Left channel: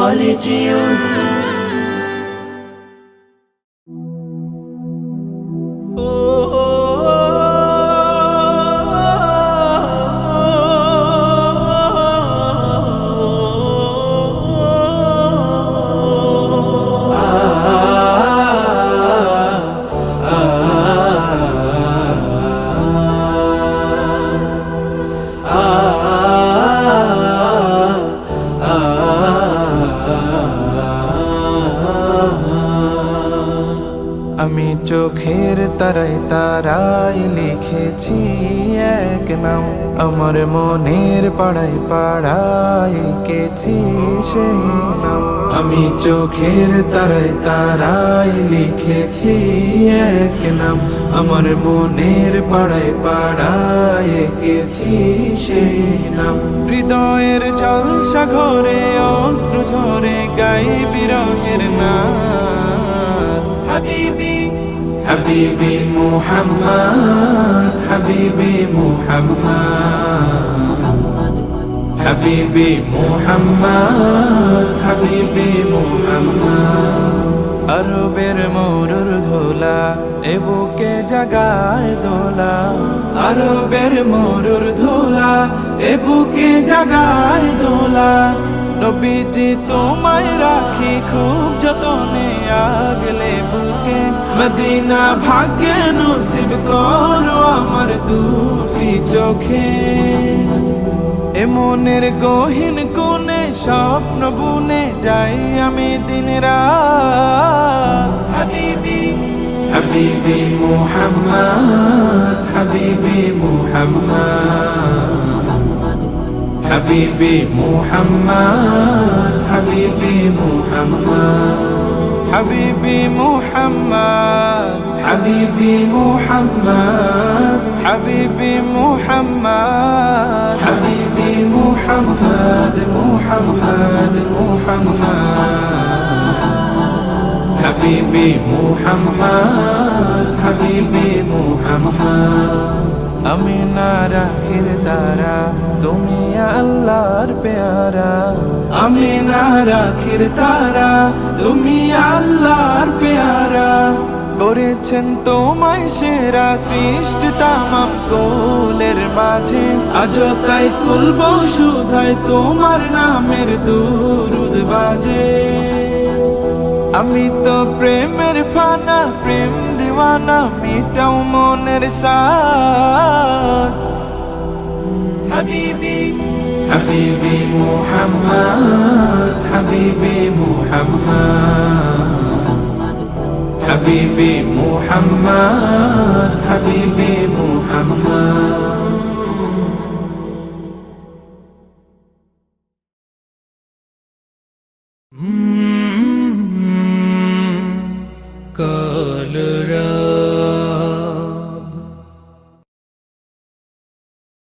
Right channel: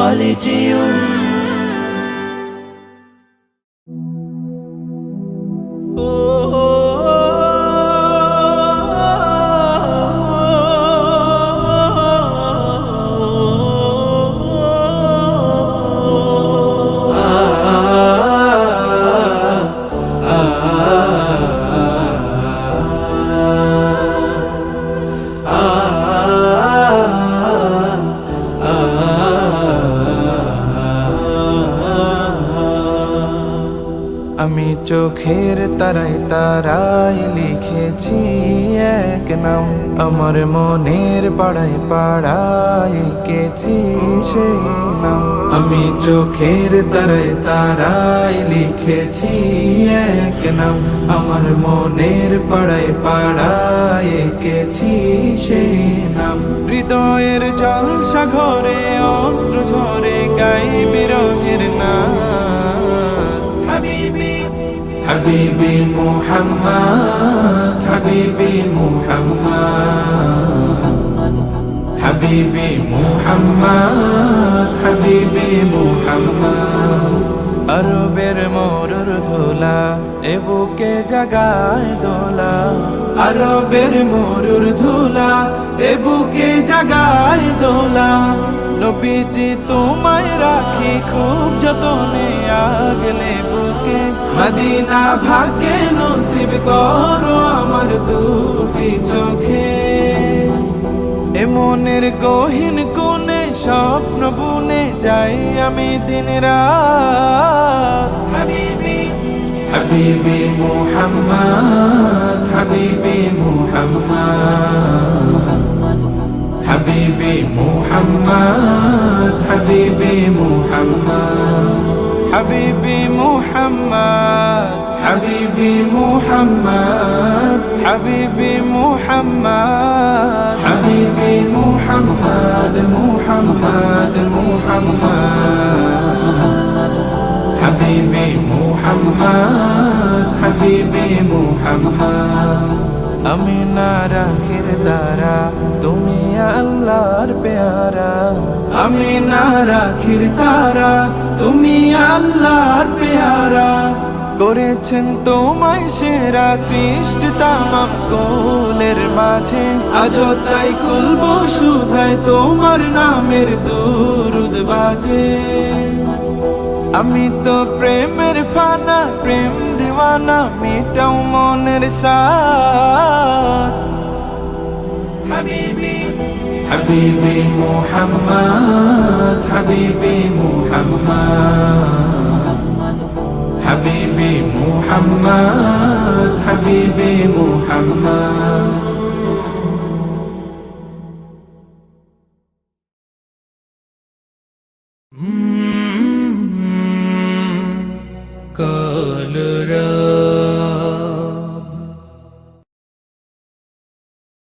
خالدون আমি চোখের তারায় তারায় লিখেছি এক নাম, আমার মনের পাড়ায় পাড়ায় এঁকেছি সেই নাম। আমি চোখের তারায় তারায় লিখেছি এক নাম, আমার মনের পাড়ায় পাড়ায় এঁকেছি সেই নাম। হৃদয়ের জলসা ঘরে অস্ত্র ঝরে গাই বিরহের নাম। হাবিবি হাবিবি মুহাম্মদ, হাবিবি মুহাম্মদ, হাবিবি মুহাম্মদ, হাবিবি মুহাম্মদ। আরবের মরুর ধোলা এ বুকে জাগায় দোলা, আরবের মরুর ধোলা এ বুকে জাগায় দোলা। নবীজি তোমায় রাখি খুব যতনে আগলে বুকে, মদিনা ভাগ্যে নসিব করো আমার দুটি চোখে। এ মনের গহীন কোণে স্বপ্ন বুনে যাই আমি দিন রাত। হাবিবি হাবিবি মুহাম্মদ, হাবিবি মুহাম্মদ, হাবিবি মুহাম্মদ, হাবিবি মুহাম্মদ, হাবিবি মুহাম্মদ, হাবিবি মুহাম্মদ, হাবিবি মুহাম্মদ, হাবিবি মুহাম্মদ, মুহাম্মদ মুহাম্মদ, হাবিবি মুহাম্মদ, হাবিবি মুহাম্মদ। আমি না রাখির তারা তুমি আল্লাহর পেয়ারা, আমি না রাখির তারা তুমি আল্লাহর পেয়ারা। করেছেন তোমায় সেরা সৃষ্টি তামাম কোলের মাঝে, আজও তাই কুলব শুধায় তোমার নামের দুরুদ বাজে। আমি তো প্রেমের ফানা প্রেম দিওয়ানা মিটাও মনের সাথ। হাবিবি হাবিবি মুহাম্মদ, হাবিবি মুহাম্মদ, হাবিবি মুহাম্মদ, হাবিবি মুহাম্মদ। কলরা